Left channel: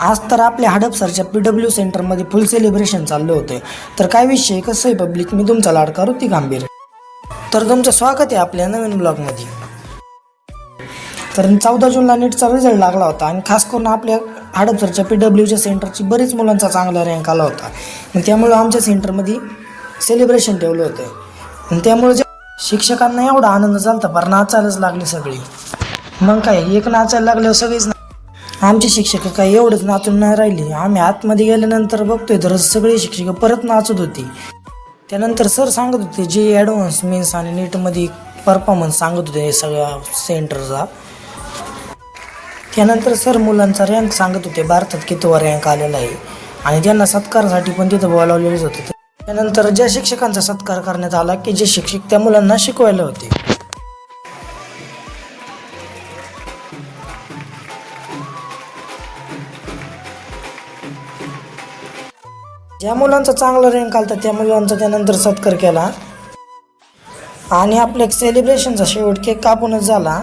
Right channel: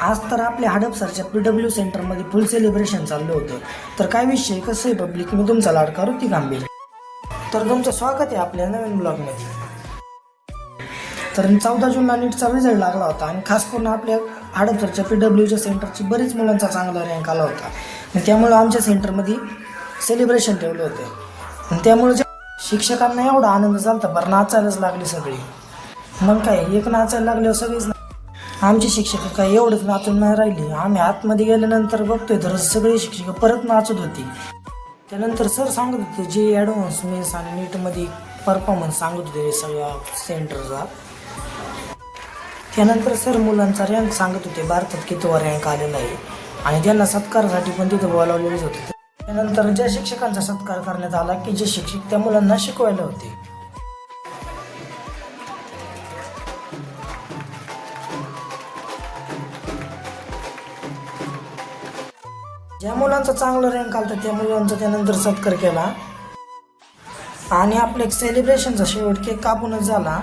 आज तर आपल्या हडपसरच्या PW सेंटरमध्ये फुल सेलिब्रेशन चाललं होतं. तर काय विषय, कसं आहे पब्लिक, मी तुमचा लाडका ऋतिक गंभीर. तर तुमचं स्वागत आहे आपल्या नवीन ब्लॉगमध्ये. तर 14 जूनला नीटचा रिझल्ट लागला होता आणि खास करून आपल्या हडपसरच्या PWच्या सेंटरची बरेच मुलांचा चांगला रँक आला होता. आणि त्यामुळे आमच्या सेंटरमध्ये सेलिब्रेशन ठेवलं होतं. आणि त्यामुळे शिक्षकांना एवढा आनंद झाला बरं, नाचायलाच लागले सगळे. मग काय, एक नाचायला लागल्यावर सगळेच आमचे शिक्षक काय एवढंच नाचून नाही राहिले. आम्ही आतमध्ये गेल्यानंतर बघतोय तर सगळे शिक्षक परत नाचत होते. त्यानंतर सर सांगत होते जे ॲडव्हान्स मेन्स आणि नीटमध्ये परफॉर्मन्स सांगत होते सगळ्या सेंटरचा. त्यानंतर सर मुलांचा रँक सांगत होते, भारतात कितवा रँक आलेला आहे, आणि त्यांना सत्कारासाठी पण तिथं बोलावलेलेच होते. त्यानंतर ज्या शिक्षकांचा सत्कार करण्यात आला की जे शिक्षक त्या मुलांना शिकवायला होते. ज्या मुलांचा चांगला रँक आला त्या मुलांचा त्यानंतर सत्कार केला आणि आपल्या सेलिब्रेशनचा शेवट केक कापूनच झाला.